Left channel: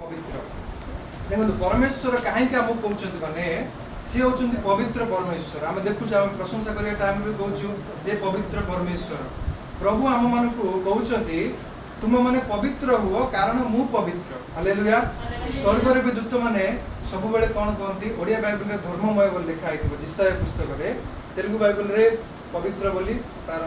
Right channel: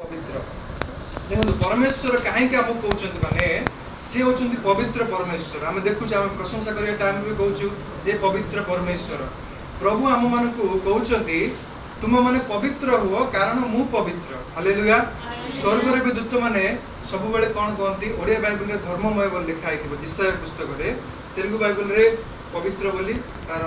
पवित्र देखो परमेश्वर कहीं आमको कहते माने सी होचंदी पवित्र परमेश्वर आम देखुँ आम प्रशंसा करने टाइम भी कहूँ जे पवित्र परमेश्वर प्रभु आम मान कहते तुम माने पवित्र हुआ कारण मु पवित्र हालेलुया। स्वर्ग रे भी दूत माने सब बेले कौन कहते ओडिया बाइबल रे धर्ममय बोली लिखा है जिसाया पुस्तक रे तेलुगु बाइबल रे पवित्र बोली तार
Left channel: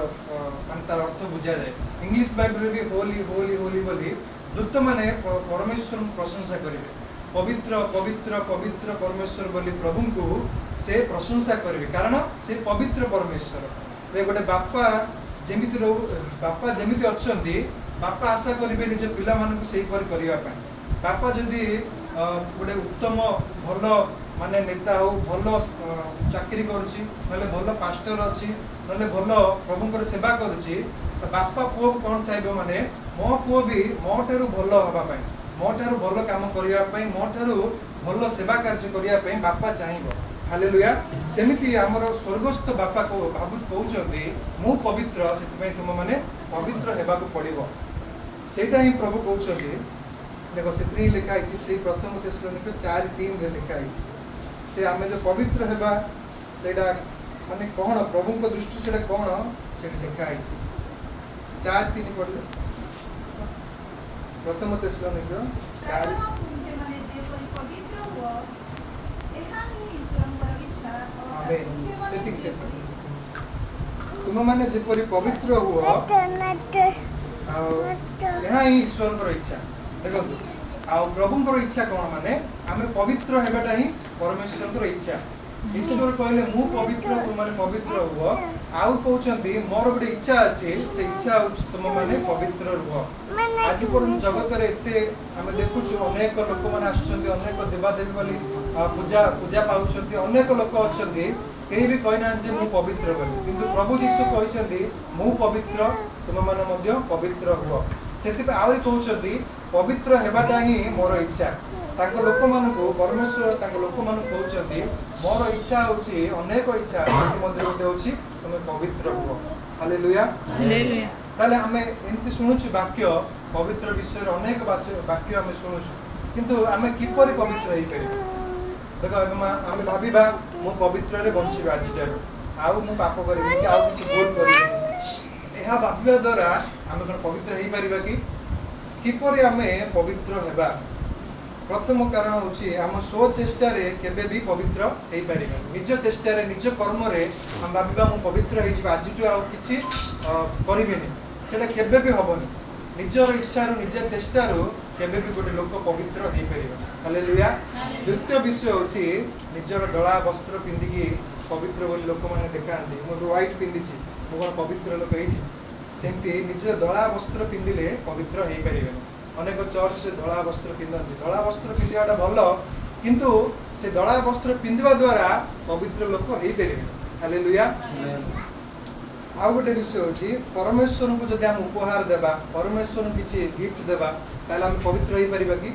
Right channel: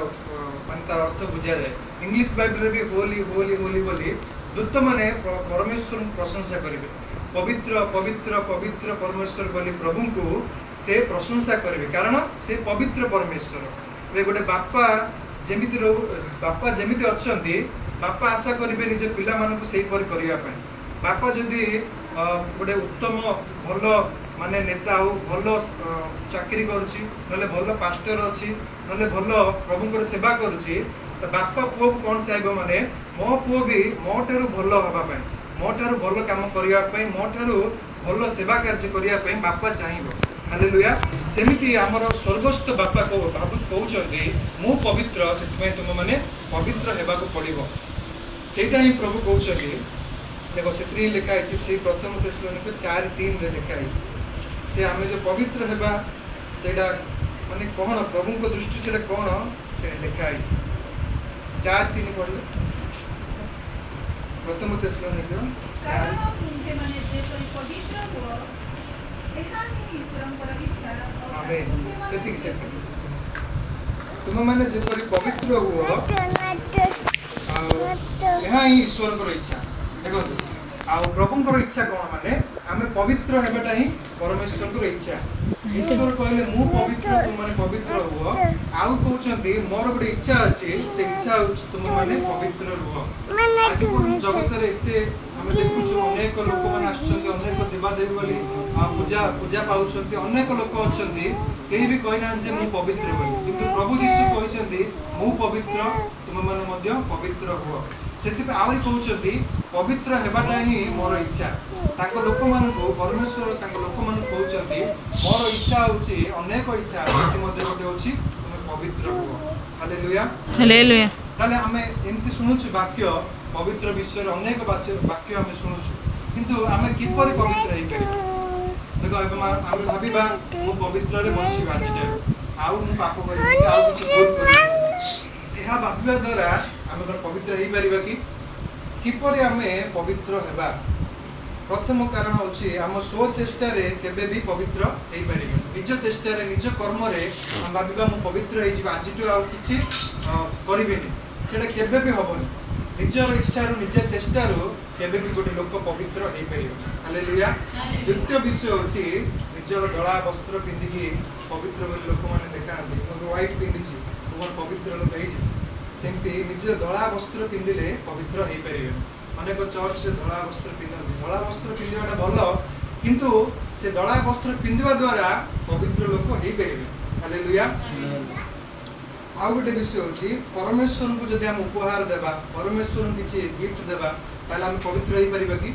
अर्थ बुझा जाए इंग्लिश बाइबल रे भी होली होली होली बोली दूत माने परमेश्वर प्रशंसा करेंगे पवित्र पवित्र पवित्र परमेश्वर बोली प्रभु को से प्रशंसा करेंगे कारण से पवित्र परमेश्वर गोटे बापा जमीती अच्छा बापा आशा करेंगे निज पिला मानक से करने बापा जदि गोटे उत्तम भल माने नेता हो भल चाकरी करुच्ची भल पास्टर अच्छी ना भल प्रभुंर सेवा करुच्ची तो बापा पुओ को कौन चाहिए माने मो पुओ भी मो ठारू भल हाँपाई मो ठारू भल काम करने मो ठारू भल सेवा कार्य करने बापा चाहिए हालेलुया। सेमिति आमर स्वर्गस्थ बापा को कहते मु पवित्र से तुम मैंने पवित्र होगा पड़ो सेटा ही प्रभु कहते देखो से लिखा है प्रथम थेसलोनिक 4:3 लिखा है से आम जो पवित्र होगा से माने कौन प्रभु को दृष्टि से कौन से लिखा है 4:3 पढ़ले प्रथम थेसलोनिक 4 तुम मैंने जपरी पवित्र हुआ यहाँ ही ईश्वर इच्छा देखो प्रभुंर इच्छा कौन माने आम पवित्र होगा ही परमेश्वर इच्छा ईश्वर कहले मु पवित्र तुम मैंने पवित्र हुआ आउ कहते मोर गोटे इच्छा अच्छे से इच्छा तुम मैंने पवित्र रुह आज जगत आम देखु अनेक लोक मैंने अनेक देवादेवी वाली पूजा पूजा पाँच अनेक लोक अच्छा कहीं भी कहना मु पवित्र बोली किंतु प्रभु यीशु कहते मु पवित्र तुम मैंने पवित्र हुआ से आहरी कहते पवित्र होगाटा ही मोर इच्छा लोक मान परमेश्वर लोक मान कहते मोर इच्छा होची अनेक इच्छा गोटे होची तुम पवित्र हुआ हालेलुया हालेलुया। ताले आम एमती शुणुचु वाक्य पवित्र विषय अनेक वाक्य आम शुणुचु किंतु आम किपरि पवित्र हो पार देखो आम भाविबा मु पवित्र रे बंचिबा आज आउ मु पाप करिबि आउ किछि भूल करिबि यह भाविबा द्वारा आम पवित्र हो पारिबा किपरि आमे पवित्र हेबा प्रथम कारण होची आम स्व चेष्टा रे केबे भी पवित्र हो पारि निज चेष्टा रे निज कर्म रे हम भाविबा मु पवित्र हो जिबा आज आउ किछि करिबिनी सेटा केबे भी हबनी निजर इच्छा रो निज चेष्टा रो केबे भी गोटे लोक पवित्र हो पारिबा हालेलुया। द्वितीय विषय होची निजर धला वस्त्र पिंधिकी पवित्र बोली लोक माने देखांती मु व्हाइट पिंधिछि मु पवित्र लोक हेछि सेमती निज धला वस्त्र पिंधिले पवित्र हो पारिबे अनेक चर्च से धला वस्त्र पिंधती धला वस्त्र पिंधाटा भल किंतु से धला वस्त्र पिंधा द्वारा पवित्र लोक हो पारिबे हालेलुया। आउ गोटे विषय होची परमेश्वर को जदि हम उपहार देबा परमेश्वर किछि गिफ्ट देबा ताले हम पवित्र हो पारिबा कि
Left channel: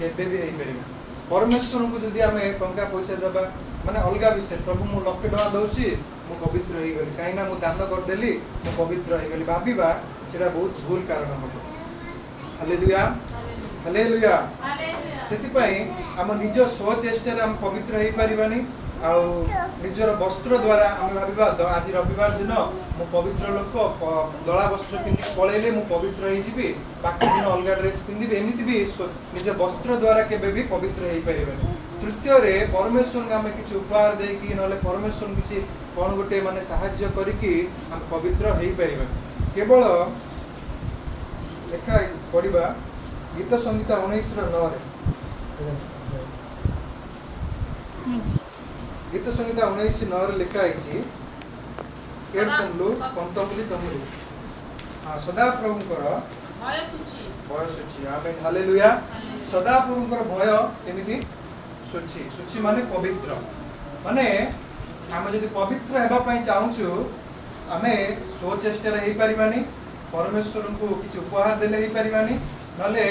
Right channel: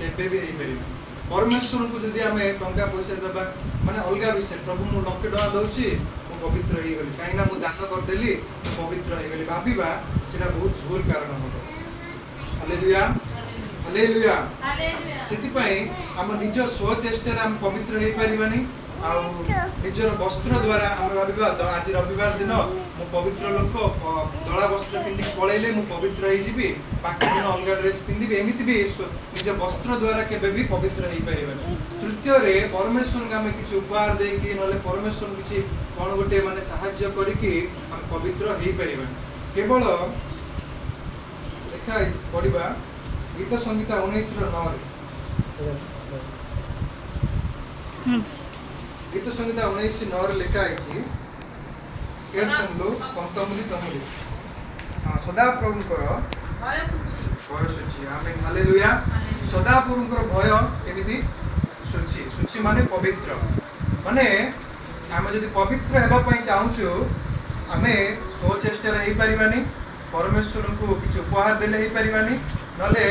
केबे भी हो पारिबा परमेश्वर को जदि हम टंका पैसा देबा माने अलगा विषय प्रभु मु लक्ष टका दउची मु पवित्र हो गली काई ना मु दान कर देली मु पवित्र हो गली भाबीबा सेटा बहुत भूल कारण हो हालेलुया हालेलुया सेति पई हम निज स्व चेष्टा रे हम पवित्र हो पारिबानी आउ निजर वस्त्र द्वारा आम भाविबा आज रविवार दिन मु पवित्र लोक धला वस्त्र पिंधि पलैले मु पवित्र हो जीवी बाकी दिन अलग ड्रेस पिंधि एमती भी निज वस्त्र द्वारा केबे भी पवित्र हो पारिबानी। तृतीय रे परमेश्वर को आम किसी उपहार देकी ना परमेश्वर किसी कौन गोटे माने साहाय्य करिकी हम पवित्र हो पारिबानी केवल लिखा पढ़ा गीत संहिता 19:9 गीत संहिता 19:9 लिखा है तमुली तमुली हाँ सदा प्रभुंकर भय सूची आमेन हालेलुया। सदा प्रभुंकर भय केमिति सूची सूची माने पवित्र माने आमे जदि पवित्र हेबा पई चाहूछु आमे स्व चेष्टा रे पारिबानी परमेश्वर को किसी उपहार देले ही पारिबानी नले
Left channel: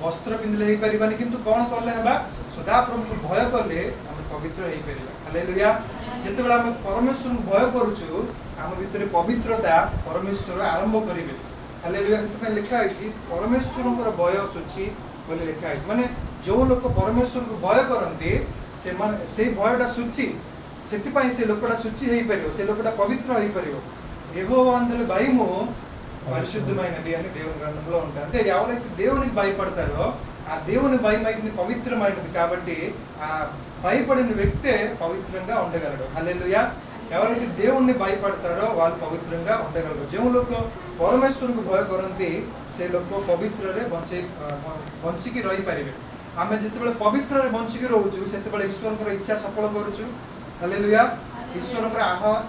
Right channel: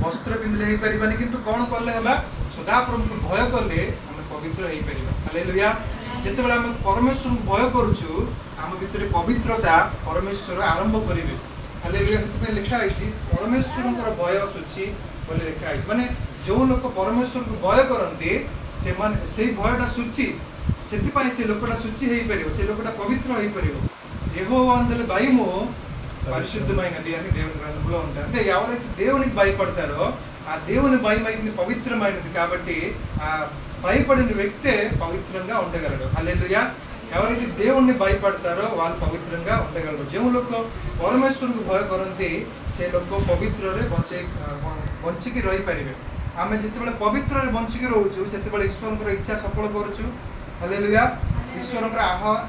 वस्त्र पिंधले ही पारिबानी किंतु कौन करले हेबा सदा प्रभु भय करले आमे पवित्र हो पारिबा हालेलुया। जेतेबेला आमे परमेश्वर को भय करूछु आम भितर पवित्रता परमेश्वर आरंभ करिवे हालेलुया। सेते लिखा है परमेश्वर भय सूची बोली लिखा है माने जो लोक परमेश्वर को भय करते से माने से भयटा सूची से लोकटा सूची हो पार से लोकटा पवित्र हो पार यहोवा अंदर भयमु పరిశుద్ధమైనది అని దేవుని గ్రంథంలో ఉంటారు అంటే ఎవరైతే దేవునికి భయపడతారో ఆ దేవుని భయమైనది పవిత్రమైనది కాబట్టి ఆ భయపడిన వ్యక్తే పవిత్రంగా ఉండగలరు హల్లెలూయా ఎవరైతే దేవుణ్ణి భయపడతారో వాళ్ళు పవిత్రంగా ఉండగలరు ଯେଉଁ ଲୋକ ପରମେଶ୍ୱରଙ୍କୁ ଭୟ କରନ୍ତି ସେ ଲୋକ ପବିତ୍ରରେ ବଞ୍ଚିକି ରହିପାରିବେ ଆମେ ଯେତେବେଳେ ପବିତ୍ରରେ ବଞ୍ଚିକି ରହୁଛୁ ସେତେବେଳେ ଈଶ୍ୱରଙ୍କର ଇଚ୍ଛା ସଫଳ କରୁଛୁ ହାଲେଲୁୟା ଈଶ୍ୱରଙ୍କର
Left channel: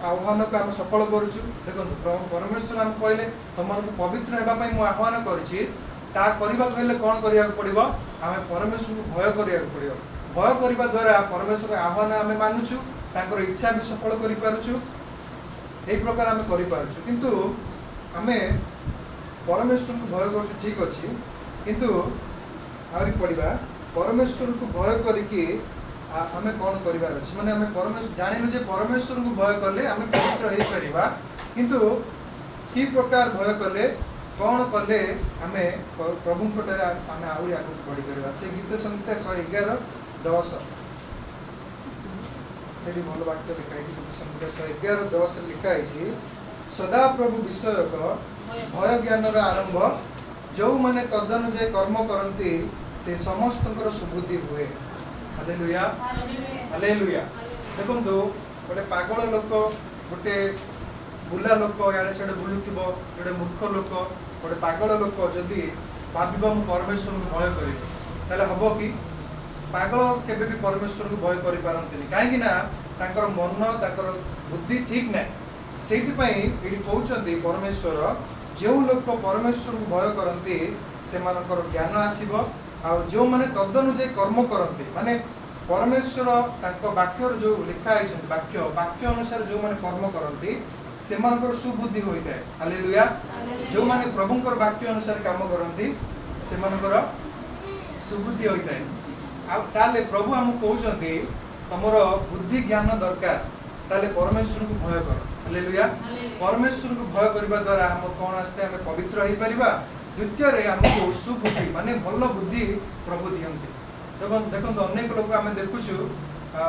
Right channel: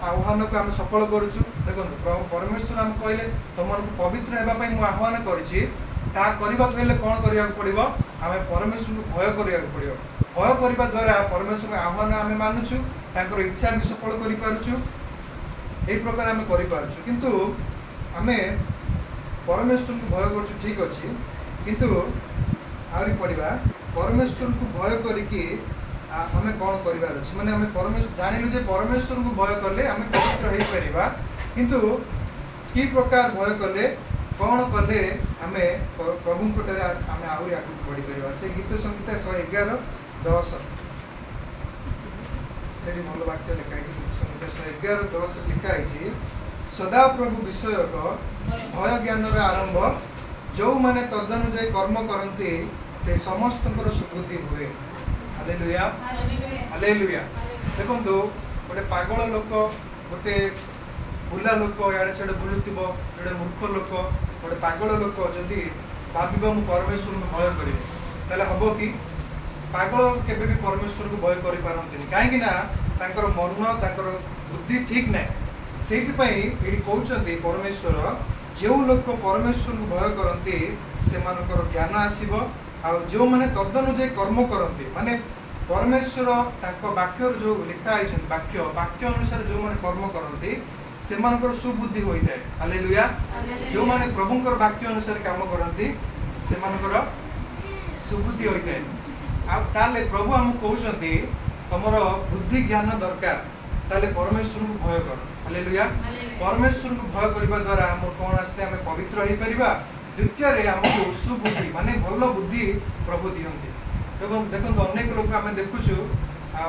ଆହ୍ୱାନକୁ ଆମେ ସଫଳ କରୁଛୁ ଦେଖନ୍ତୁ ପରମେଶ୍ୱର ଆମେ କହିଲେ ତମମାନଙ୍କୁ ପବିତ୍ର ହେବା ପାଇଁ ମୁଁ ଆହ୍ୱାନ କରିଛି ତାହା କରିବାକୁ ହେଲେ କ'ଣ କରିବାକୁ ପଡ଼ିବ ଆମେ ପରମେଶ୍ୱରଙ୍କୁ ଭୟ କରିବାକୁ ପଡ଼ିବ ଭୟ କରିବା ଦ୍ୱାରା ପରମେଶ୍ୱରଙ୍କ ଆହ୍ୱାନ ଆମେ ମାନୁଛୁ ତାଙ୍କର ଇଚ୍ଛା ବି ସଫଳ କରିପାରୁଛୁ ଏହି ପ୍ରକାର ଆମେ କରିପାରୁଛୁ କିନ୍ତୁ ଆମେ ପରମେଶ୍ୱରଙ୍କୁ ଭୟ କରୁଛୁ ଠିକ୍ ଅଛି କିନ୍ତୁ ଆହୁରି ପଢ଼ିବା ପରମେଶ୍ୱରଙ୍କୁ ଭୟ କରିକି आमे कौन करिवार अछि माने आमे परमेश्वर जानिलु जे परमेश्वर को भय करले आमे पवित्र होई परिबा किंतु की प्रकार भय करले कौन करले आमे प्रभु कोटरे आमे आउरी आगु पढी परिबा से गीत संहिता 111 10 सेडी भल वाक्य लिखा है गीत संहिता 111 10 लिखा है सदा प्रभु विषय को भय ज्ञान रे आरंभ जो माने तदनुसार कर्म करंती से समस्तଙ୍କର सुबुद्धि हुए हालेलुया हालेलुया देखो गोटे पागल लोक गोटे बुला लोक याडे सेडे बुलुथिबो गोटे मूर्ख लोक गोटे पागल लोक जदि भाबिबो मु परमेश्वर को भय करी ताले हबो कि पागल केबे भी परमेश्वर को भय करि पारंतिनी काहे कि ना तांकर मन तांकर बुद्धि ठीक नै सेति पई एडी कहउचंती परमेश्वर जो लोक परमेश्वर को भय करंती से मानकर ज्ञान आसीबो आ जो माने तदनुसार कर्म करते माने परमेश्वर तांको वाक्य जो लिखा है वाक्य अनुसार जो माने कर्म करते से मानकर सुबुद्धि होइताय हालेलुया जो माने प्रभुकर वाक्य अनुसार काम करते से मानकर सुबुद्धि होइताय आ ताले प्रभु हम कहउछंती तमरो बुद्धि ज्ञान दरकार ताले परमेश्वर को भय कर हालेलुया परमेश्वर को भय करबा द्वारा हम कोन आस्ते हम पवित्र होई परिबा द्वितीय रे हमको सुबुद्धि माने भल बुद्धि प्रभु दियंती देखो अनेक लोक आम देखुछु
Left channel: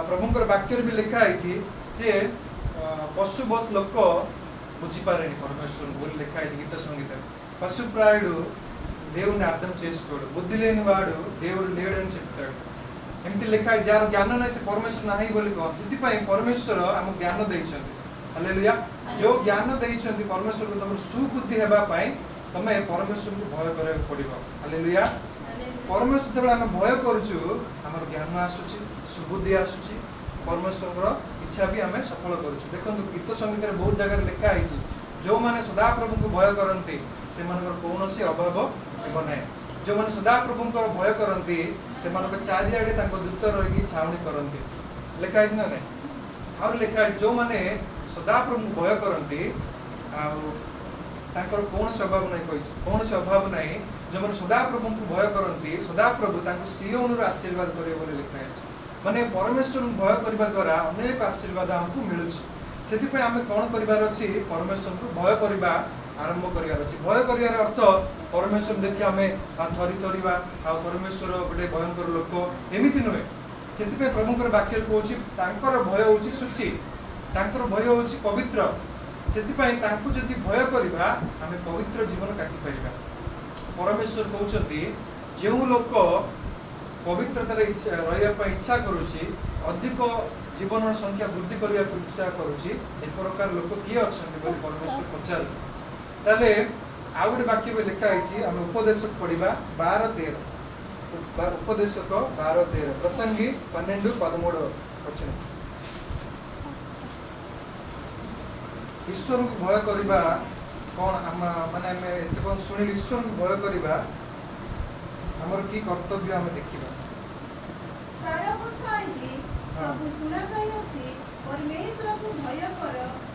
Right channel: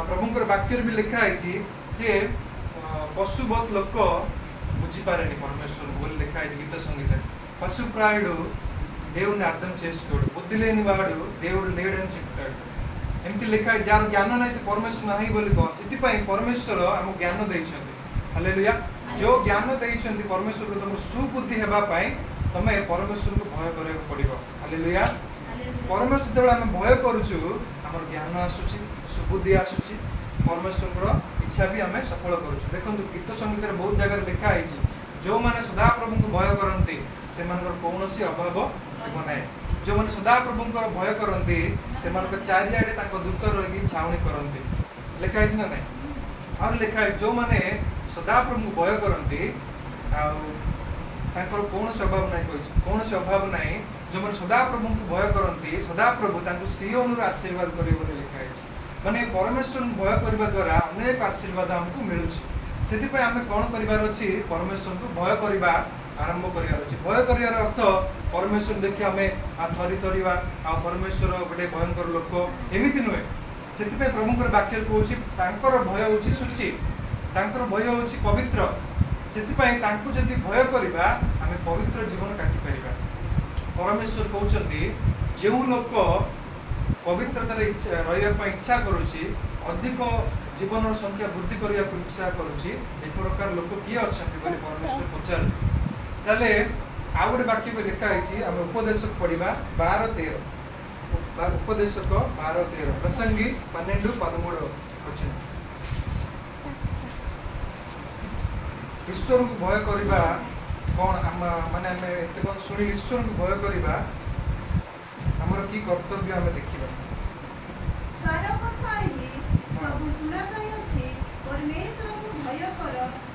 प्रभुकर वाक्य भी लिखा है जे पशुबत लोक बुझीपारे परमेश्वर बोली लिखा है गीत संगीत पशु प्रायुడు దేవుని అర్థం చేసుకోడు బుద్ధి లేని వాడు దేవుడు లేడని చెప్తాడు एमती लिखा है जार ज्ञान नहीं से परमेश्वर नाही बोली कौन से परमेश्वर आम ज्ञान देइछन्ति हालेलुया जो ज्ञान देइछन्ति परमेश्वर को तुम सुबुद्धि हेबा पाई तमे परमेश्वर को भय करे पड़िबो हालेलुया परमेश्वर जब आम भय करूछु हमर ज्ञान आसुछि सुबुद्धि आसुछि परमेश्वर इच्छा भी आम सफल करूछु देखंतु गीत संगीत रे बहुत जगह लिखा है जो माने सदा प्रभु को भय करंती से मानकर कोनोसी अभाव बनाए जो मैंने सदा प्रभु को भय करती से चारिआडे दूत रही छावनी करती लिखा है ना नहीं और लिखा है जो मैंने सदा प्रभु को भय करती कौन से अभाव नहीं कौन से अभाव नहीं जो मैंने सदा प्रभु को भय करती सदा प्रभु सियोन आशीर्वाद करेंगे लिखा है माने परमेश्वर को भय करने द्वारा अनेक आशीर्वाद आमको मिलूँ से आम कौन करार अच्छी परमेश्वर को भय करवा आरंभ करार अच्छे भय करार अर्थ परमेश्वर देखिए आम थरी थरीवा आ परमेश्वर गोटे भयंकर लोक एमती नुहे से प्रभुकर वाक्य कहूँ भय हूँ सूची भय हूँ पवित्र से जदि भय करवा आम पवित्र जीवन काटिपर परमेश्वर कहते जो लोक पवित्रतार रही इच्छा करुच्ची अधिक जीवन संख्या वृद्धि करने को इच्छा करुच्ची एक प्रकार लोक किए अच्छा परमेश्वर पचार ताले आउ गोटे वाक्य में लिखा है आम उपदेशक पढ़ा 12-13 उपदेशक 12-13 प्रसंगी 12-13 वचन ईश्वर को भय करवा कौन माने आम एत शुणी ईश्वर को भय करवा आमर की कर्तव्य आम देखा सारा कथा एही सब सुना जायछि परमेश्वर को भय कर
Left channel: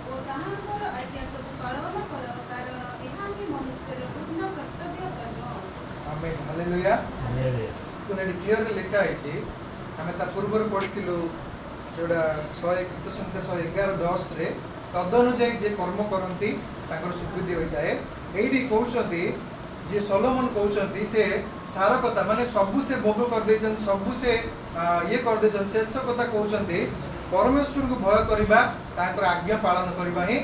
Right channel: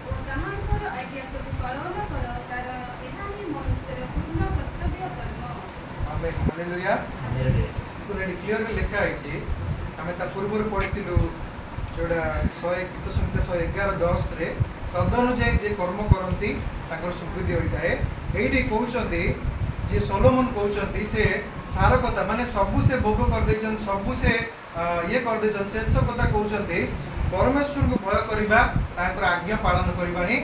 ओ ताहांकर आज्ञा सब पालन कर कारण एहा ही मनुष्यर पूर्ण कर्तव्य कर्म आमेन हालेलुया तो नेडी क्लियर लिखा है हमें ता पूर्व पढ़िथिलु जोड़ा 100 गीत संख्या 111-10 रे तदनुसार जे कर्म करंती ताकर सुबुद्धि होइताए एठी कहउछंती जे सोलोमन कहउछंती से सार कथा माने सबु से भोग कर देछन सबु से ये कर देछन शेष कथा कहउछंती परमेश्वर को भय करबा ताकर आज्ञा पालन करबा ही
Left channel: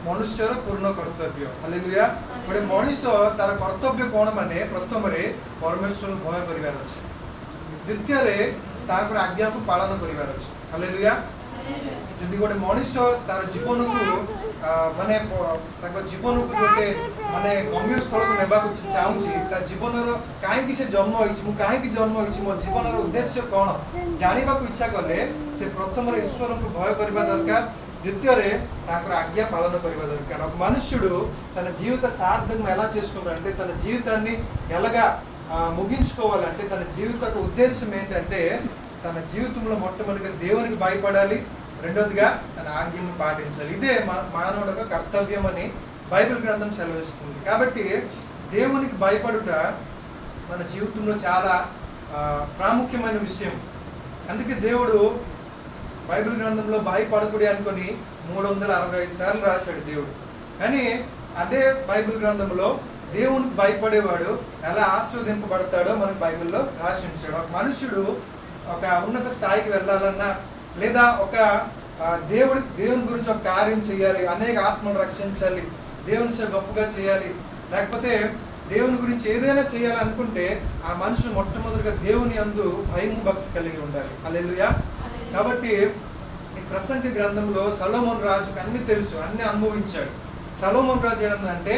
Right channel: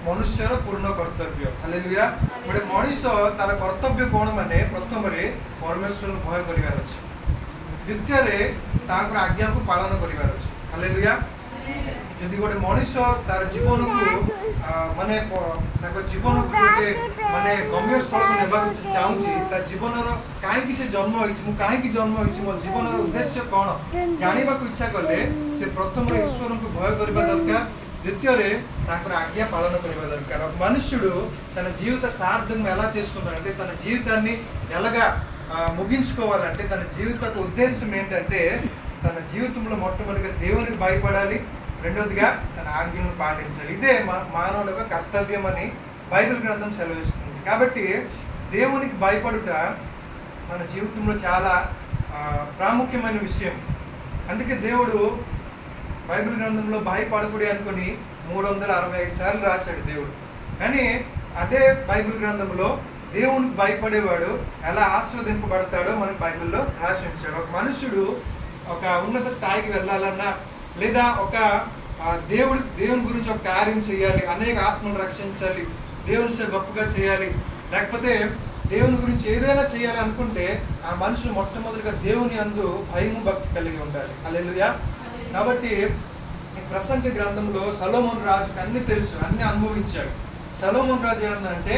मनुष्यर पूर्ण कर्तव्य। हालेलुया। गोटे मनीष तार कर्तव्य कौन माने प्रथम रे परमेश्वर को भय करिवार अछि, द्वितीय रे ताकर आज्ञा को पालन करिवार अछि। हालेलुया। जदि गोटे मनीष तार जीवन को माने ताको जीवन को गोटे माने गम्य स्थल को नेबा को चाहूची ता जीवन रो काहे कि से जन्म होइछि मु काहे कि जन्म होइछि मो जीवन रो उद्देश्य कोन जानिबा को इच्छा करले से प्रथम रे ईश्वर को भय करबा दरकार, द्वितीय रे ताकर आज्ञा पालन करबा दरकार। ఒక మనుష్యుడు తన జీవిత సార్థకం ఎలా చేసుకుంటాడంటే తన జీవితాన్ని ఎలాగా ముగించుకోవాలంటే తన జీవిత ఉద్దేశం ఏంటంటే తన జీవితంలో మొట్టమొదటిగా దేవునికి భయపడాలి, రెండోదిగా తన ఆజ్ఞలను పాటించాలి। ఇదే మానవుడి యొక్క కర్తవ్యం అని బైబిల్ గ్రంథం సెలవిస్తుంది। కాబట్టి దేవునికి భయపడుట మన జీవితంలో చాలా ప్రాముఖ్యమైన విషయం। అందుకే దేవుడు బైబిల్ గ్రంథంలో భయపడకుడి అనుకొని 365 సార్లు రాశాడు దేవుడు। కానీ అదే బైబిల్ గ్రంథంలో దేవునికి భయపడేవాడు ఎలా ఆశీర్వదింపబడతాడో మనకు బైబిల్లో రాసి ఉంచాడు। ఒక మనుషుడు ఒక ఉన్నత స్థాయికి వెళ్ళాలన్నా లేదా ఒక దేవుని గురించి ఒక కార్యం చేయాలి, అనేక ఆత్మలు రక్షించాలి, దేవుని సేవ గొప్పగా చేయాలి, లేకపోతే దేవుని గురించి ఏదైనా చేయాలి అనుకుంటే ఆ మనుషుడు మొట్టమొదటిగా దేవుని యందు భయము భక్తి కలిగి ఉండాలి। హల్లెలూయా। కాబట్టి ఈ ప్రసంగి గ్రంథంలో సొలొమోను రాజుకి అన్ని తెలుసు, అన్ని అనుభవించాడు। సొలొమోను రాజు ఏంటంటే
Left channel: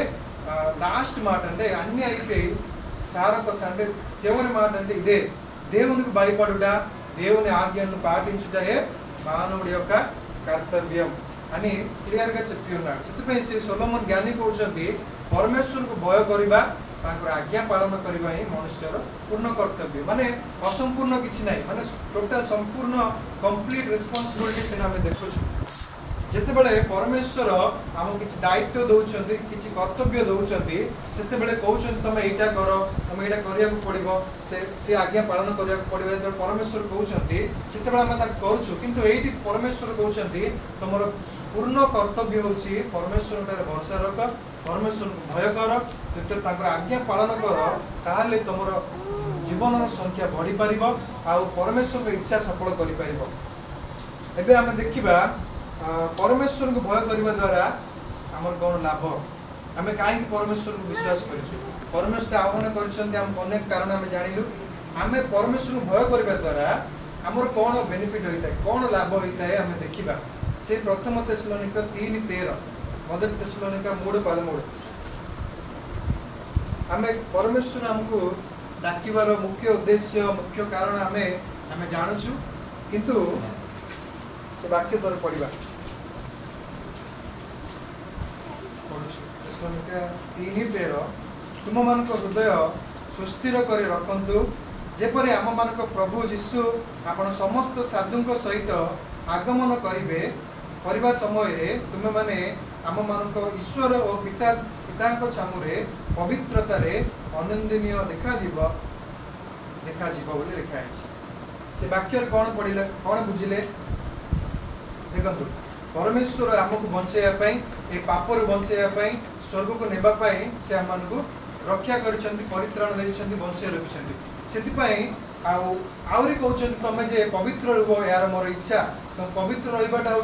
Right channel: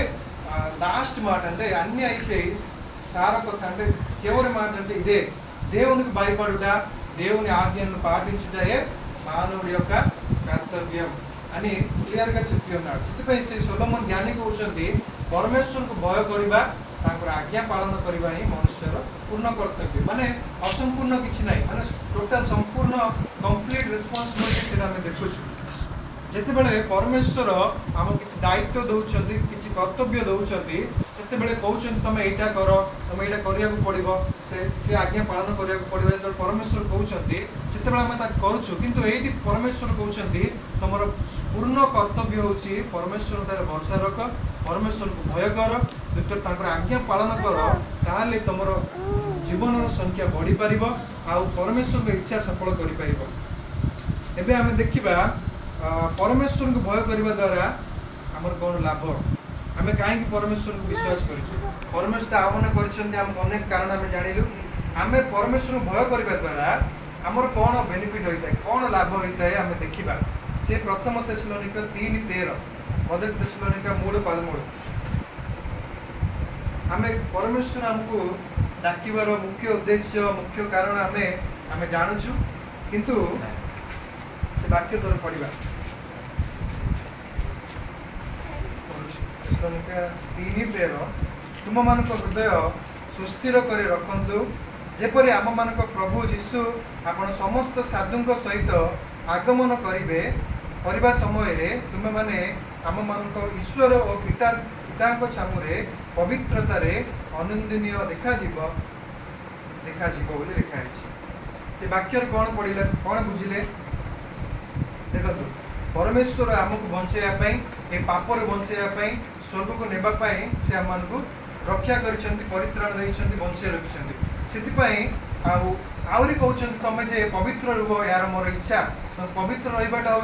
లాస్ట్ మాట అంటే అన్ని అయిపోయి సారొక అంటే చివరి మాట అంటే ఇదే దేవునికి భయపడుట, దేవుని ఆజ్ఞలను పాటించుటయే మానవుడి యొక్క కర్తవ్యం అని క్లియర్ గా చెప్తూ ఉన్నాడు। ସେଥିପାଇଁ ସେ ସୋଲୋମନ ଜ୍ଞାନୀ କହୁଛନ୍ତି ପରମେଶ୍ୱରକୁ ଭୟ କରିବା ତାଙ୍କର ଆଜ୍ଞା ପାଳନ କରିବା ହିଁ ମନୁଷ୍ୟର ପୂର୍ଣ୍ଣ କର୍ତ୍ତବ୍ୟ। ମାନେ ଅସମ୍ପୂର୍ଣ୍ଣ କିଛି ନାହିଁ, ମାନେ ଟୋଟାଲ ସମ୍ପୂର୍ଣ୍ଣ କମ୍ପ୍ଲିଟ ରେସ୍ପନ୍ସିବିଲିଟି ସେଟା ଆମେ ଦେଖୁଛୁ। ଯେତେବେଳେ ପରମେଶ୍ୱର ଆମକୁ କିଛି ଦାୟିତ୍ୱ ଦଉଛନ୍ତି, କିଛି କର୍ତ୍ତବ୍ୟ ଦଉଛନ୍ତି, ସେତେବେଳେ କହୁଛନ୍ତି ତମେ ଏଇଟା କର, ତମେ ଏଇଟା କରିବାକୁ ପଡିବ, ସେ ଆଜ୍ଞା ପାଳନ କରିବାକୁ ପଡିବ। ଯେତେବେଳେ ପରମେଶ୍ୱର କହୁଛନ୍ତି ସେତେବେଳେ ଆମେ ତାକୁ କରୁଛୁ, କିନ୍ତୁ ଏଇଠି ପରମେଶ୍ୱର କହୁଛନ୍ତି ତମର ପୂର୍ଣ୍ଣ କର୍ତ୍ତବ୍ୟ ହଉଛି ପରମେଶ୍ୱରଙ୍କର ଭରସା ରଖ, ପରମେଶ୍ୱରଙ୍କୁ ଭୟ କର, ଯେତେବେଳେ ତାଙ୍କର ଆଜ୍ଞା ପାଳନ କର ତାହେଲେ ତମର ଜୀବନର ସଂଖ୍ୟା ବଢିପାରିବ ଆଉ ପରମେଶ୍ୱରଙ୍କ ଇଚ୍ଛା ସଫଳ କରିପାରିବ। ଏବେ ଆମେ ଦେଖିବା परमेश्वर को भय करने द्वारा आमर कौन लाभ, आम कहीं परमेश्वर को विश्वास करूँ, परमेश्वर आह्वान करेक कारण आम जानिलु। आम परमेश्वर को भय करने द्वारा आमर कौन बेनिफिट होता है, कौन लाभ होता है आम देखा। से प्रथम थेसलोनिका 3:13 मदर थेसलोनिका 3:13 आम परमेश्वर आमको डाकिबार मुख्य उद्देश्य मुख्य कारण आम जानूँ, किंतु से वाक्य तोर पढ़ा 3:13 तुम मान हृदय सुस्थिर कर रखु जेपरी आम मान प्रभु जीशु आपण समस्त साधु सहित आगमन करने समय तुम माने आम मान ईश्वर और पिता छामुरे पवित्रतार अनंदनीय देखाजी बोली लिखाई। से वाक्य कौन पढ़ले कौन बुझिले देखो, परमेश्वर आमको बचाई ए पापर बचाई स्वर्ग को नेबाई से आम को रक्षा कर परित्राण देते बचाई रखिंट से आहरी कहते तुम जे पवित्र रुह यार मोर इच्छा, तो पवित्र रहा हूँ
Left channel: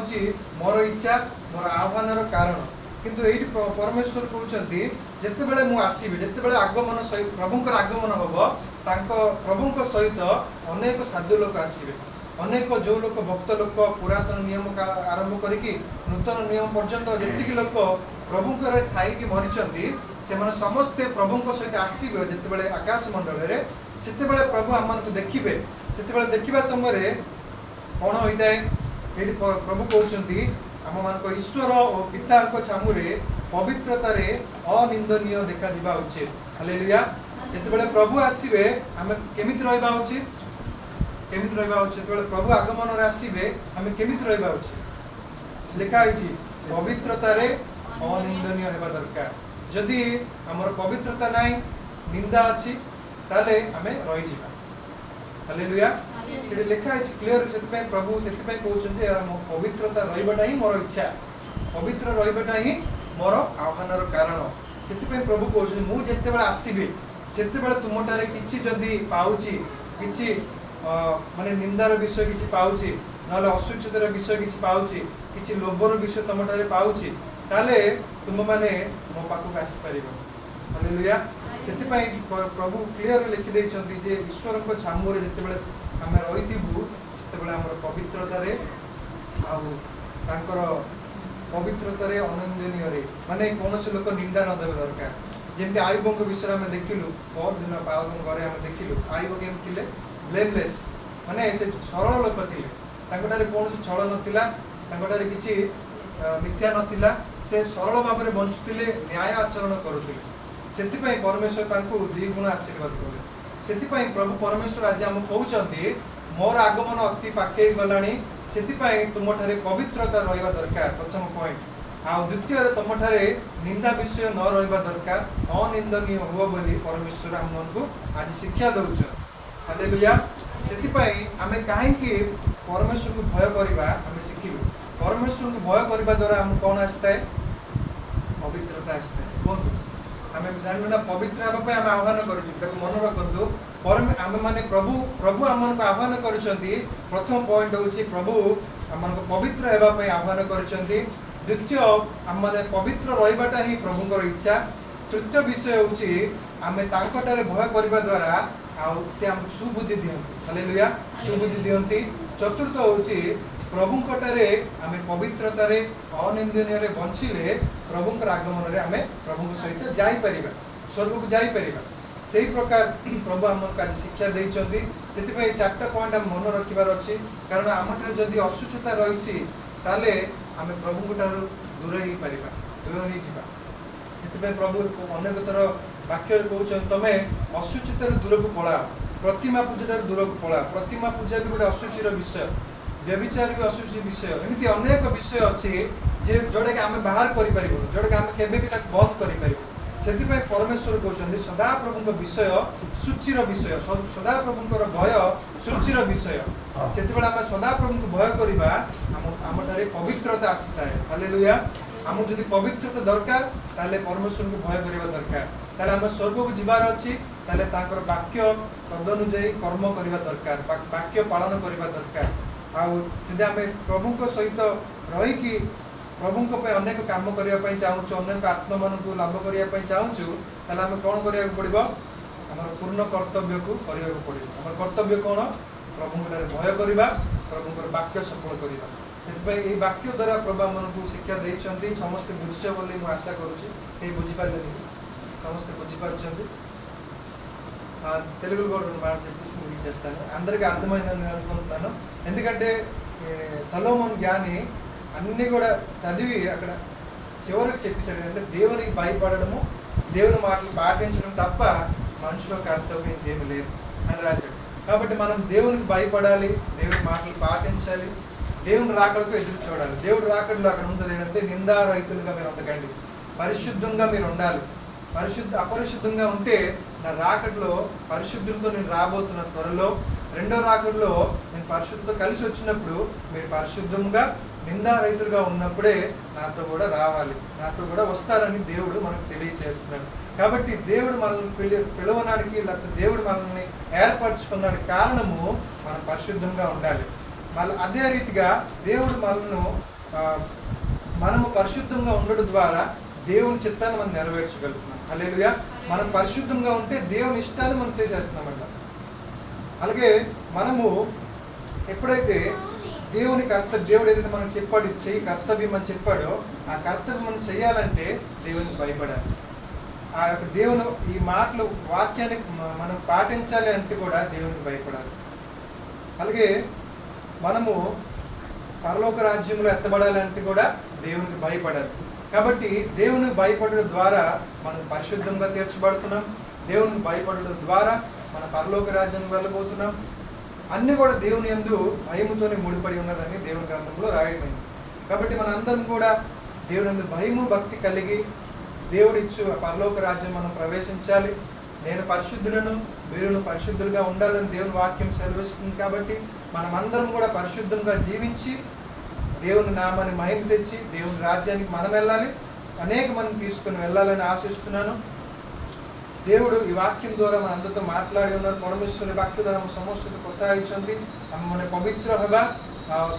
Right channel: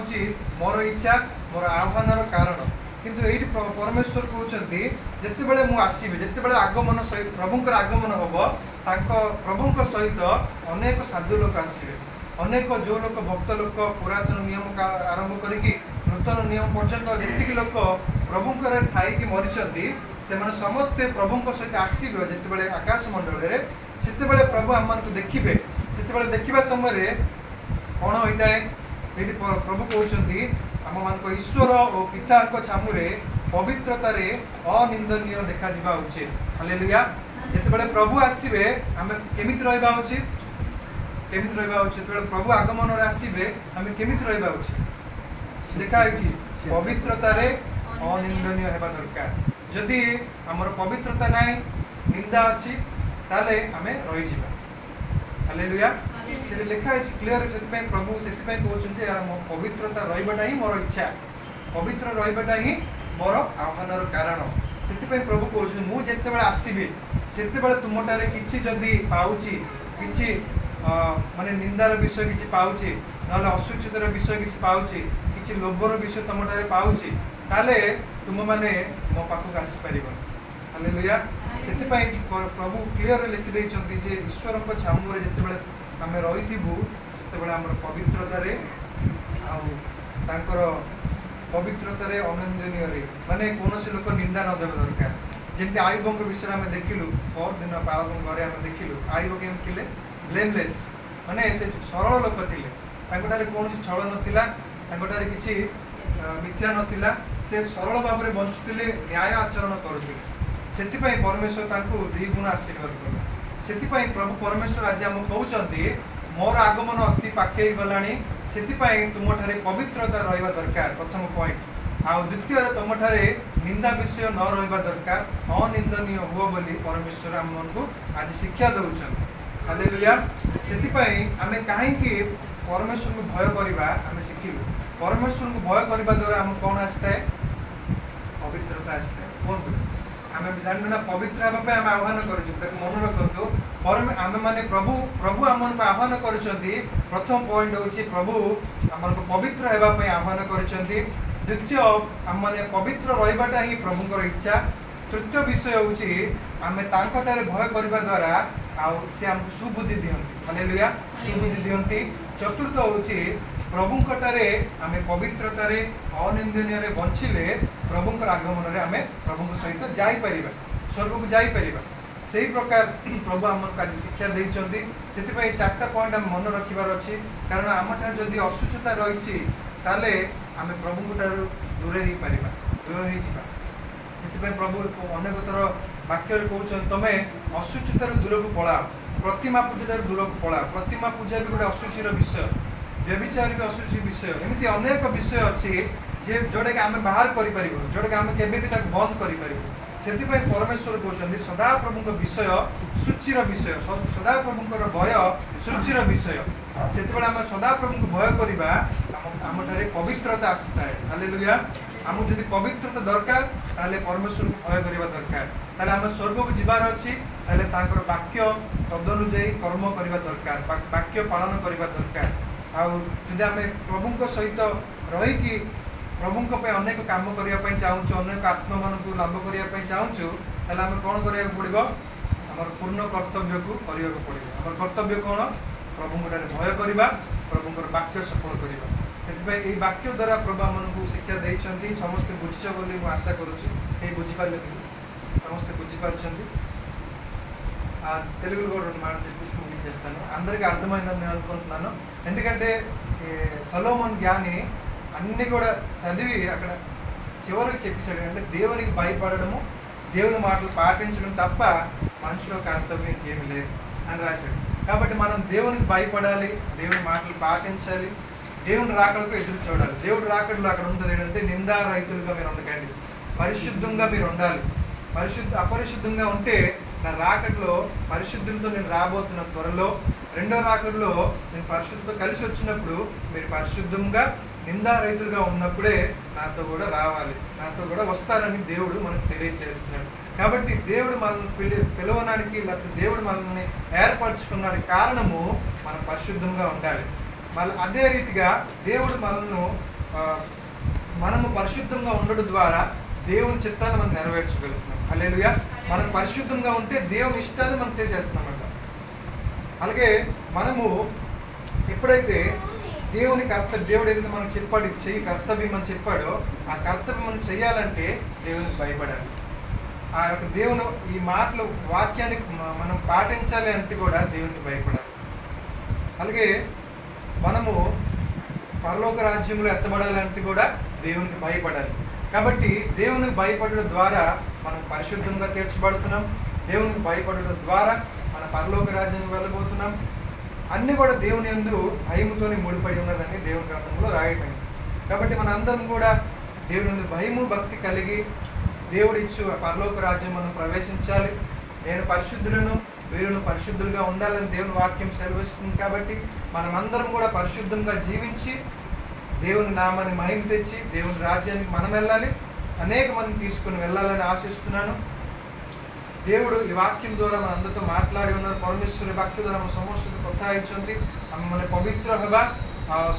मोर इच्छा मोर आह्वान कारण। किंतु ये परमेश्वर कहते जितेबाला मुझे आसबि जितेबाला आगमन सहित प्रभुंर आगमन हम प्रभु सहित अनेक साधु लोक आसबे, अनेक जो लोक भक्त लोक पुरातन नियम आरंभ करिकी नूतन नियम पर्यंत जी लोक प्रभुंकर थी मरीचंती से समस्ते प्रभु सहित आसबे। जितेबाला आकाश मंडल में सेतेबाला प्रभु आम को देखिए, से देखा समय कौन होता है ये प्रभु कहते आम मान ईश्वर और पिता छामुरे पवित्रतार अनिंदनीय देखा उचित। हालेलुया। जितेबाला प्रभु आसबे आम केमिति रहिबा उचित, केमिति रहिबा उचित, प्रभु आगमन आसबे आम केमिति रहिबा उचित लिखाई पवित्रतार अनिंदनीय हेबा दरकार। जदि आमर पवित्रता नाई निंदा अच्छी ताले आम रही। हालेलुया। से लिखाई क्लियर से प्रभु से कहते यार पवित्रता रही ही मोर इच्छा, पवित्र रही ही मोर आह्वान कारण। ସେଥିପାଇଁ ପ୍ରଭୁ କହୁଛନ୍ତି ମୁଁ ଯେତେବେଳେ ଆସିବି ସେତେବେଳେ ତୁମଠାରେ କିଛି ଯଦି ପାଉଛି, କିଛି ମାନେ ନିନ୍ଦାର ବିଷୟ କିଛି ପାଉଛି, ନହେଲେ ଅସୁଚିତର ବିଷୟ କିଛି ପାଉଛି, କିଛି ଲୋଭର ବିଷୟ ତମଠାରେ ପାଉଛି, ତାହେଲେ ତୁମମାନେ ମୋ ପାଖକୁ ଆସିପାରିବନି। ହାଲେଲୁୟା। ସେଥିପାଇଁ ପ୍ରଭୁ କ୍ଲିୟର ଲେଖିଦେଇଛନ୍ତି ଯେ ଈଶ୍ୱରଙ୍କ ଛାମୁରେ ଯେତେବେଳେ ଆମେ ରହିଥିବୁ ସେତେବେଳେ ଆମର ପବିତ୍ରତାରେ ଆଉ ତାଙ୍କର ପବିତ୍ରତାରେ ଅନନ୍ଦନୀୟରେ ମାନେ କୌଣସି ଲୋକ ନିନ୍ଦା ନ ଦେବା ଦରକାର। ଯେମିତି ଆୟୁବଙ୍କ ବିଷୟରେ ଆମେ ଦେଖିଲୁ, ପରଦିନ ବାବାଙ୍କ ଘରେ ଆମେ ଦେଖିଲୁ ଆୟୁବ କେମିତି ଥିଲେ, ବ୍ଲେମଲେସ୍, ମାନେ ସେ ସରଳ ଲୋକ ଥିଲେ, ତାଙ୍କଠାରେ କୌଣସି ଛଳ ନଥିଲା, ତାଙ୍କଠାରେ କିଛି ମିଥ୍ୟା ନଥିଲା, ସେ ସରଳ ଭାବରେ ବଞ୍ଚୁଥିଲେ, ନ୍ୟାୟ ଆଚରଣ କରୁଥିଲେ। ସେଥିପାଇଁ ପରମେଶ୍ୱର ତାଙ୍କୁ 2 ଗୁଣ ଆଶୀର୍ବାଦ କଲେ। ସେଥିପାଇଁ ପ୍ରଭୁ ପରମେଶ୍ୱର ଆଜି ଆମକୁ କହୁଛନ୍ତି ମୋର ଆଗମନ ଅତି ପାଖେଇ ଗଲାଣି, ସେଥିପାଇଁ ତୁମଠାରେ ପବିତ୍ରତା ରହିବା ଦରକାର, ପ୍ରଥମ ପଏଣ୍ଟ। ଆଉ ଦ୍ୱିତୀୟରେ ତୁମଠାରେ ନିନ୍ଦା ବିଷୟ ନ ରହିବା ଦରକାର, ଅନିନ୍ଦନୀୟ ହୁଅ ବୋଲି ପରମେଶ୍ୱର ଆମମାନଙ୍କୁ ଆଜି ଶିକ୍ଷା ଦେଉଛନ୍ତି। ହାଲେଲୁୟା। ସେଥିପାଇଁ ଆମେ କାହିଁକି ପରମେଶ୍ୱରଙ୍କୁ ଭୟ କରିବା ଆମେ ଶିଖିଲୁ। ପରମେଶ୍ୱରଙ୍କୁ ଭୟ କରିବା ଦ୍ୱାରା ଆମକୁ କ'ଣ ଆସିଥାଏ? ପବିତ୍ରତା ଆସିଥାଏ। କୁହନ୍ତୁ, ଆମେ ଜାଣିବୁ ନା ପବିତ୍ର ହେବା ପାଇଁ ଆମେ ଆହ୍ୱାନ କରୁଛୁ। ତାକୁ ମନେ ରଖନ୍ତୁ, ଆମେ ମାନେ ପ୍ରଭୁ ଆମମାନଙ୍କୁ ଆହ୍ୱାନ କରିଛନ୍ତି। ପ୍ରଥମ ପଏଣ୍ଟ ହେଉଛି ପ୍ରଭୁ ଆମମାନଙ୍କୁ ପବିତ୍ର ହେବା ପାଇଁ ଆହ୍ୱାନ କରିଛନ୍ତି। ଦ୍ୱିତୀୟ, ଆମମାନେ ପବିତ୍ର ରହିବାଟା ହିଁ ପ୍ରଭୁଙ୍କର ଇଚ୍ଛା। ତୃତୀୟ ବିଷୟ ହେଉଛି ଆମେ ତାଙ୍କଠାରେ ଭୟ କରିବା ଦ୍ୱାରା ଆଉ ସେ ଆମକୁ ସୁବୁଦ୍ଧି ଦିଅନ୍ତି। ହାଲେଲୁୟା, ସୁବୁଦ୍ଧି ଦିଅନ୍ତି। ଚତୁର୍ଥ ହେଉଛି ପ୍ରଭୁଙ୍କଠାରେ ଆମେ ପବିତ୍ରତାରେ ଅନିନ୍ଦନୀୟରେ ବଞ୍ଚିଲେ ପ୍ରଭୁଙ୍କର ଆଗମନରେ ଆମେ ପ୍ରଭୁଙ୍କ ସହିତ ଯାଇପାରିବା, ସ୍ୱର୍ଗକୁ ଯାଇପାରିବା। ସେହି ପ୍ରକାର ପ୍ରଭୁ ଆମକୁ ଆଜି ଶିକ୍ଷା ଦେଇଛନ୍ତି। ସେଥିପାଇଁ 4ଟା ପଏଣ୍ଟ ଆମେ ମନେ ରଖିବାର ଅଛି। କାରଣ ଆମଠାରେ ଯଦି ଅସୁସ୍ଥତା ରହିଛି ତାହେଲେ ଆମେ ପ୍ରଭୁଙ୍କ ଠାରୁ ଦୂରେଇ ହେଇପାରିବା, ଦୂର ହେଇଯିବା। ସେଥିପାଇଁ ପ୍ରଭୁ ଅନେକ ଥର ବାକ୍ୟରେ କହୁଛନ୍ତି ତମେ ଅସୁଚିତାରୁ ଦୂରକୁ ପଳାଅ, ପ୍ରତିମା ପୂଜାଠାରୁ ଦୂରକୁ ପଳାଅ। ପ୍ରତିମା ପୂଜା ବି ଗୋଟେ ଅସୁଚିର ବିଷୟ, ବ୍ୟଭିଚାର ବି ଅସୁଚି ବିଷୟ। ଏମିତି ଅନେକ ବିଷୟ ଅଛି ଯେ ଯୋଉଟାକି ଆମେ ବାହାର କରିପାରିବୁ, ଯୋଉଟାକି ଆମେ କେବେ ବି ତାକୁ ବନ୍ଦ କରିପାରିବୁ। ସେଥିପାଇଁ ପରମେଶ୍ୱର କହୁଛନ୍ତି ସଦାପ୍ରଭୁଙ୍କ ବିଷୟ ସୂଚିର ବିଷୟ, ସଦାପ୍ରଭୁଙ୍କର ଭୟ ସୂଚିର ବିଷୟ। ସେତେବେଳେ ଆମେ ସଦାପ୍ରଭୁଙ୍କୁ ଭୟ କରିବା ଆମଠାରେ ପବିତ୍ରତା ଆସିଥାଏ। ହାଲେଲୁୟା। ଆମକୁ ଯଦି ପବିତ୍ରତା ଦରକାର ତାହେଲେ ପରମେଶ୍ୱରଙ୍କୁ ଭୟ କରିବା ଦରକାର। ତାହେଲେ ଆମେ ସ୍ୱର୍ଗକୁ ଯିବାର ଅଛି, ତାହେଲେ ତାଙ୍କର ବାକ୍ୟ ତଦନୁଯାୟୀ କର୍ମ କରିବା ଦରକାର, ବାକ୍ୟ ପାଳନ କରିବା ଦରକାର। ଆଉ ଯଦି ଆମେ ପ୍ରଭୁଙ୍କ ସହିତ ରହିକି ପ୍ରଭୁଙ୍କ ପାଇଁ ଅନେକ କାମ କରିବା ପାଇଁ ଚାହୁଁଛୁ, ଅନେକ ଆତ୍ମମାନଙ୍କୁ ଲାଭ କରିବା ପାଇଁ ଚାହୁଁଛୁ, ତାହେଲେ ଆମେ କ'ଣ କରିବାକୁ ପଡ଼ିବ? ଆମର ପୂର୍ଣ୍ଣ କର୍ତ୍ତବ୍ୟକୁ କରିବାକୁ ପଡ଼ିବ। ଆମର କର୍ତ୍ତବ୍ୟ କ'ଣ? ପ୍ରଭୁଙ୍କଠାରେ ଭୟ କରିବା, ପ୍ରଭୁଙ୍କର ବାକ୍ୟ ସଫଳ କରିବା। ସେଥିପାଇଁ ଏହି ବାକ୍ୟ ଦ୍ୱାରା ପ୍ରଭୁ ଆମମାନଙ୍କୁ ଶିକ୍ଷା ଦେଇଛନ୍ତି। ସମସ୍ତେ ବୁଝିଛ ବୋଲି ମୁଁ ଆଶା କରୁଛି। କେହି ବୁଝିପାରିଲେ ସମସ୍ତେ ବୁଝିପାରୁଛନ୍ତି? తెలుగులో కూడా మాట చెప్పేసి ముగించేస్తాను. అందరికీ అర్థమైందని నేను అనుకుంటున్నాను. ఎందుకంటే సొలొమోన్ జ్ఞాని అన్నీ కూడా చదివి అక్కడ చివరికి చెప్పేశాడు. అంటే దేవునికి భయపడడము, దేవుని మాటలు పాటించడం తప్ప మనుషుల కర్తవ్యం ఇంకేమి లేదు అని రాశాడు. కాబట్టి మనం దేవునికి భయపడాలి, దేవుని మాటలు పాటించాలి, దేవుని రాకడకు ఎదురు చూడాలి. దేవుడు రాకడలో అక్కడ ఉంటుంది ఏంటంటే నిందారహితులుగా మీరు ఉండకండి, పరిశుద్ధంగా మీరు ఉండాలి. అపరిశుద్ధంగా ఉంటే నా రాకడలో పరిశుద్ధులతో నేను రాబోతున్న త్వరలో, రెండో రాకడలో నేను పరిశుద్ధులతో కలిసి వచ్చినప్పుడు మీరు పరిశుద్ధంగా నిందారహితులుగా ఉన్నప్పుడే నాతో కూడా రావాలి, నాతో కూడా వస్తారని దేవుడు మనకు తెలియజేస్తున్నాడు. కాబట్టి దేవుడు మనల్ని పిలవడానికి, లేకపోతే దేవుడు మనల్ని ఏర్పరచుకున్నాడు కారణము మనం పరిశుద్ధంగా ఉండాలి. మళ్ళీ అదే రీతిగా దేవుడు మనము పరిశుద్ధంగా ఉండడం ద్వారా దేవుని చిత్తాన్ని మనం నెరవేర్చగలుగుతున్నాం. హల్లెలూయా. మనం పరిశుద్ధంగా ఉంటే దేవుని ఇష్టాన్ని మనం చేసేస్తున్నామంట. అలాగే మనము ఎప్పుడైతే దేవుడు ఏదైతే మనకు చెప్పాడు, చెయ్యి కర్తవ్యం అని చెప్పాడో, ఆ కర్తవ్యం మనం చెయ్యాలంటే దేవునికి భయపడాలి. ఆ యొక్క దేవుని ఈ మాటలు వాక్యాన్ని మనం పాటించాలి అంటే కూడా దేవునికి భయపడాలి. అలాగే మనము పరలోక రాజ్యంలో ఎత్తబడాలంటే కూడా దేవునికి భయపడాలి. కాబట్టి దేవునికి భయపడడం ద్వారా మనం పరిశుద్ధంగా తీర్చబడుతున్నాం. దేవునికి భయపడడం ద్వారా మన పరలోక రాజ్యానికి వెళ్ళబోతున్నాం. అన్నీ కూడా దేవుని యందు భయముతోనే ముడిపడి ఉన్నదని దేవుని గ్రంథంలో రాయటమైంది. కాబట్టి మన అందరం కూడా దేవుని యందు భయము భక్తి కలిగి దేవుడు ఇచ్చు పరలోక రాజ్యం మనం ప్రవేశించాలి. నేను పరిశుద్ధులను, వీరును పరిశుద్ధులుగా ఉండాలని దేవుని వాక్యం సెలవిస్తుంది. కాబట్టి మనమందరం కూడా పరిశుద్ధంగా జీవించి దేవుని నామాన్ని మహిమ తెచ్చి దేవుని రాజ్యానికి మనం వెళ్ళాలి. అనేక మంది తీసుకుని వెళ్ళాలని ఆశిస్తున్నాను. దేవుడు ఈ వాక్యం ద్వారా మన అందరితో మాట్లాడి ఉన్నారు. పరమేశ్వର ବାକ୍ୟ ଦ୍ୱାରା ଆମ ସମସ୍ତଙ୍କୁ କଥା ହେଇଛନ୍ତି। ଆମେମାନେ ପବିତ୍ର ହେବା,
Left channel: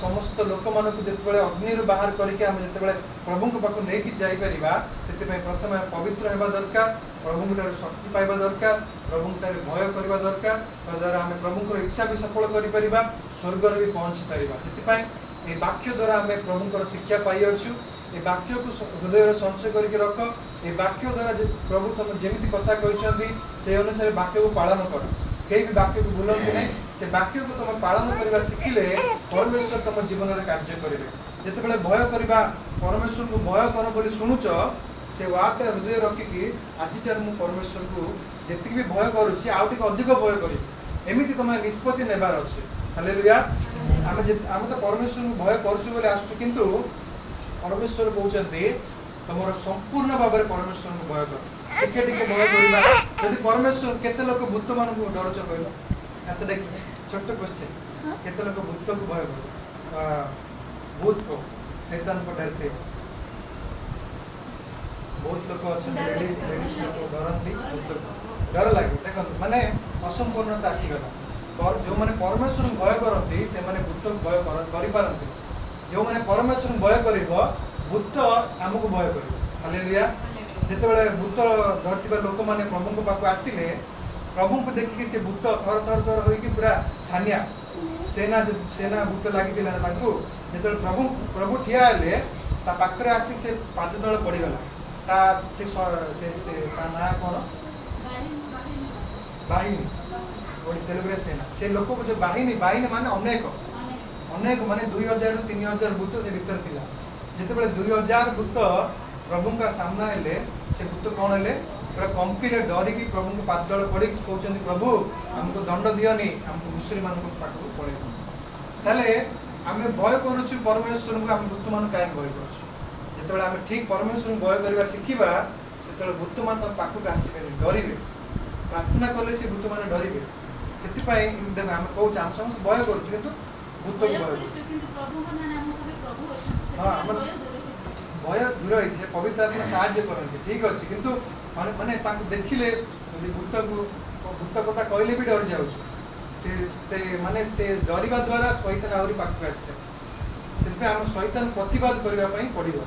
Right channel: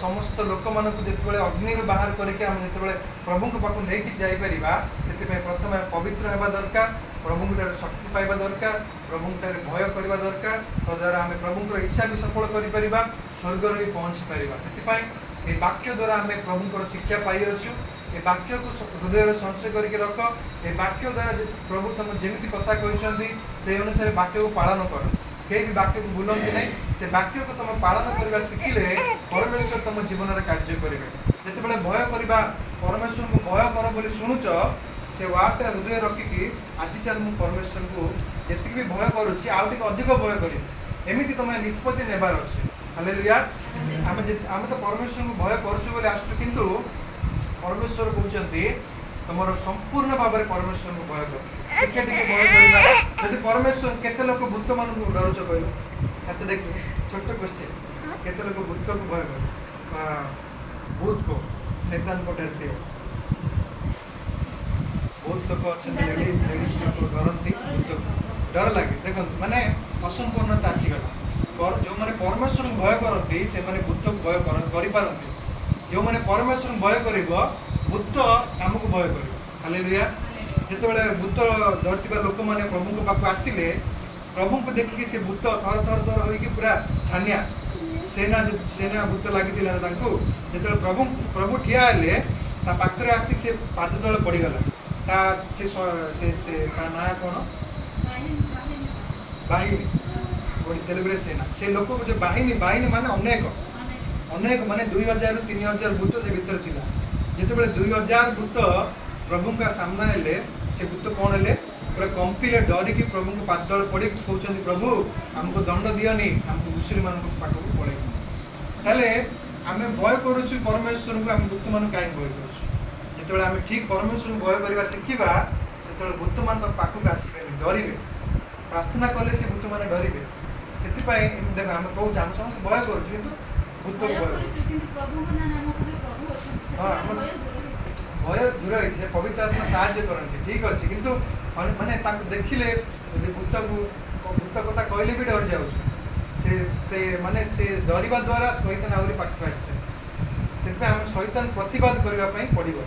ସମସ୍ତ ଲୋକମାନଙ୍କୁ ଯେତେବେଳେ ଅଗ୍ନିରୁ ବାହାର କରିକି ଆମେ ଯେତେବେଳେ ପ୍ରଭୁଙ୍କ ପାଖକୁ ନେଇକି ଯାଇପାରିବା, ସେଥିପାଇଁ ପ୍ରଥମେ ପବିତ୍ର ହେବା ଦରକାର, ପ୍ରଭୁଙ୍କଠାରେ ଶକ୍ତି ପାଇବା ଦରକାର, ପ୍ରଭୁଙ୍କଠାରେ ଭୟ କରିବା ଦରକାର। ତଦ୍ୱାରା ଆମେ ପ୍ରଭୁଙ୍କର ଇଚ୍ଛା ବି ସଫଳ କରିପାରିବା, ସ୍ୱର୍ଗରେ ବି ପହଞ୍ଚି ପାରିବା। ସେଥିପାଇଁ ଏ ବାକ୍ୟ ଦ୍ୱାରା ଆମେ ପ୍ରଭୁଙ୍କର ଶିକ୍ଷା ପାଇଅଛୁ। ଏ ବାକ୍ୟକୁ ହୃଦୟରେ ସଞ୍ଚୟ କରିକି ରଖ। ଏ ବାକ୍ୟ ଦ୍ୱାରା ପ୍ରଭୁ ତମ ଯେମିତି କଥା କହିଛନ୍ତି ସେ ଅନୁସାରେ ବାକ୍ୟକୁ ପାଳନ କର। କେହି ବି ବାକ୍ୟକୁ ଭୁଲନ୍ତି ନାହିଁ। ସେ ବାକ୍ୟକୁ ତମେ ପାଳନ କରିବା ଶିଖିଲେ ପରମେଶ୍ୱର ତମ ଜୀବନରେ କାର୍ଯ୍ୟ କରିବେ। ଯେତେବେଳେ ଭୟ କରିବା, ପରମେଶ୍ୱରଙ୍କୁ ଭୟ କର ବୋଲି ଶୁଣୁଛ, ସେ ୱାର୍ଡଟା ହୃଦୟରେ ରଖିକି ଆଜିଠାରୁ ମୁଁ ପରମେଶ୍ୱରଙ୍କୁ ଯେତିକି ବି ଭୟ କରୁଛି ଆଉ ଟିକେ ଅଧିକ ଭୟ କରିବି, ଏମିତି ତମେ ନିଷ୍ପତ୍ତି ନେବାର ଅଛି। ହାଲେଲୁୟା। ଆମେ ତ ପରମେଶ୍ୱରଙ୍କୁ ଭୟ କରୁଛୁ ବୋଲି ଆସୁଛୁ, କିନ୍ତୁ ପରମେଶ୍ୱର କହୁଛନ୍ତି ତମର ସମ୍ପୂର୍ଣ୍ଣ ଭାବରେ ପରମେଶ୍ୱରଙ୍କୁ ଭୟ କର। ଟିକେ ଟିକେ ଭୟ କରିବା। ଯଦି ପରମେଶ୍ୱର, କେତେ ଲୋକ ଭୂତ ମାନଙ୍କୁ ଡରୁଛ କହିଲ? ହାତ ଦେଖି, ଛୋଟ କ୍ୱେଶ୍ଚିନ୍, କେତେ ଲୋକ ଭୂତକୁ ଭୟ କର? भूत को, शैतान को डरते हो? बहुत लोग अछंती लेडीज लोग डरती भूत को, डर लगे। देखो माने असंपूर्णता आसीगला। और जो माने परमेश्वर भय करती से माने भूत को भय करि पारंती। जो माने परमेश्वर भय करिवो भूत हमको भय करिवो। हालेलुया। जेतेबेले भूत धरतिबा लोक माने प्रभु को पाक आसीले, प्रभु को देखि से भूत थर थर थर होई कि पूरा छानिया सेना भूत लागि दिला तांको। जेतेबेले प्रभु ठिया हेले ता पाखरे आसी से पाद तळे पड़ी गला। ता से ता ना कोन बाहिनी ओडी तेलबरे सेना। से लोक को जो बाहिनी माने अनेक माने 2000 रु 3000 भूत से भीतर थिला। जेतेबेले 2000 भूत प्रभु का सामना हेले, से भूत कौन हेले पूरा कंपीले डरिकी प्रभु को पाद तळे पड़ी कहउछन प्रभु हमको दंड दियोनी, हमको दूसरी मान को पाखो पड़े। ताले आमे भय करूछु परमेश्वर को, हम भूत मान काई भय करूछु? जेतेबेले आमे ठीक परमेश्वर को भय करबा सिखिबा, सेतेबेले भूत मान पाखो आसी डरिबे। प्रार्थना करले से भूत मान डरिबे। सेति पई देख हम कहउछ हम समस्त भय करूछु, किंतु भूत को भय करूछु। किंतु प्रभु को नाम को प्रभु अछि। हां, भय दूर होई से पवित्र आत्मा सहाय्य करंती, ठीक अछि। किंतु माने तांको देखिले यदि भूत कथा कहले भी डर जाउछ। से माने से डरिबा द्वारा शैतान आउरी पाखु आछे। सेति हम शैतान प्रतिवाद करबा पई पड़िबो।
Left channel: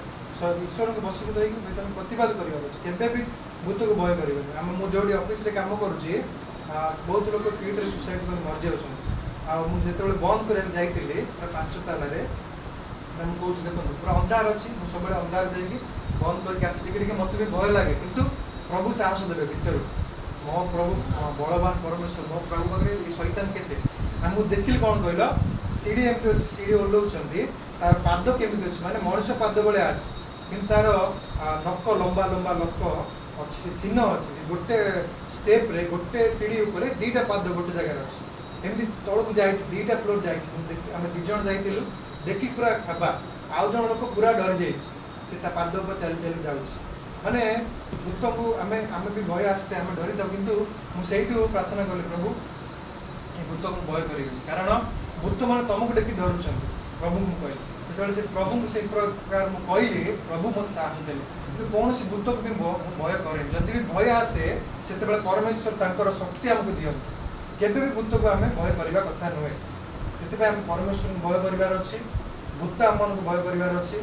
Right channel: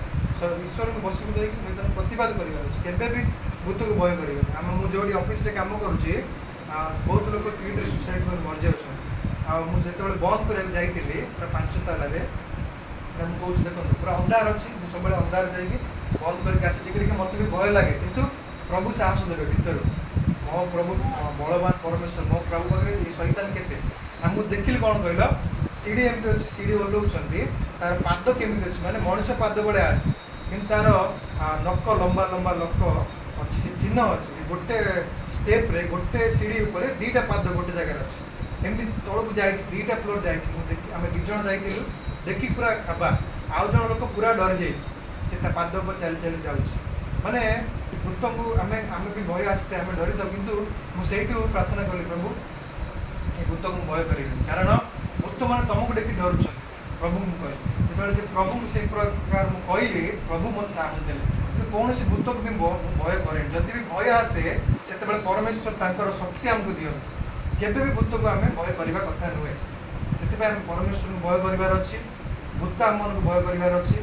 ईश्वर को बसु को देकी शैतान प्रतिवाद करबा अछि। केबे भी भूत को भय करिबो। हम मु जोडी ऑफिस रे काम करूची, बहुत लोग क्रिएटर सुसाइड कर मर जाउछन। आ मु जेतेबेले बंद करे जाईतिली पूरा 5 ताला रे, हम कहूँ देखो पूरा अंधार अच्छी, मुझे सब अंधार जाइए बंद करके आसी देखिए मत भी भय लगे, किंतु प्रभु साहस देवे भीतर मो प्रभु बलवान परमेश्वर मो प्रभु पाखे शैतान केते हमको देखिल कौन कहल सीढ़ी एमती अच्छी सीढ़ी ओल्लाउछंती तार पाद केमिति अछि माने मनुष्य पाद भलिया अछि, किंतु तार नक लंबा लंबा नक अच्छी से चिन्ह अच्छी गोटे स्टेप रे गोटे सीढ़ी ऊपर दीटा पाद गोटे जगह अच्छी एमती तलक जाए दीटा फ्लोर जाए आम दु जन जाइलु देखी पूरा खाबा आउ जन लोक पूरा डरी जाइए पाद पर चली चली जाऊँ माने भूत को आम भी भय आसते आम डरी था किंतु मुझे प्रार्थना कली प्रभु ये भूत को भय करी कारण भूत मैंने तुमको देखी डरुंच प्रभु मुझे जो से प्रभु से प्रकार मुझे कहली प्रभु मत साहस देले कौन सी भूत को भी भय करे जदि भी भय आसे से परमेश्वर तांकर शक्ति आमको दियंती केबे भी भूत को आम भय करने कथा नुहे से परमेश्वर को भय करार अच्छी भूत आम मन को भय करार अच्छी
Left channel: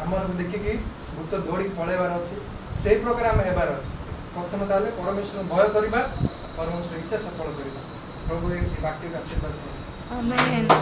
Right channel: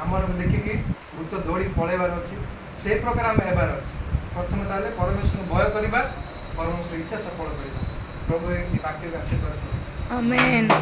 आम मन को देखिकी भूत दौड़ी पलैबार अच्छी से प्रकार आम हेबार अच्छी प्रथम ताले परमेश्वर को भय करवा परमेश्वर इच्छा सफल करवा प्रभु ये वाक्य आशीर्वाद। आमेन।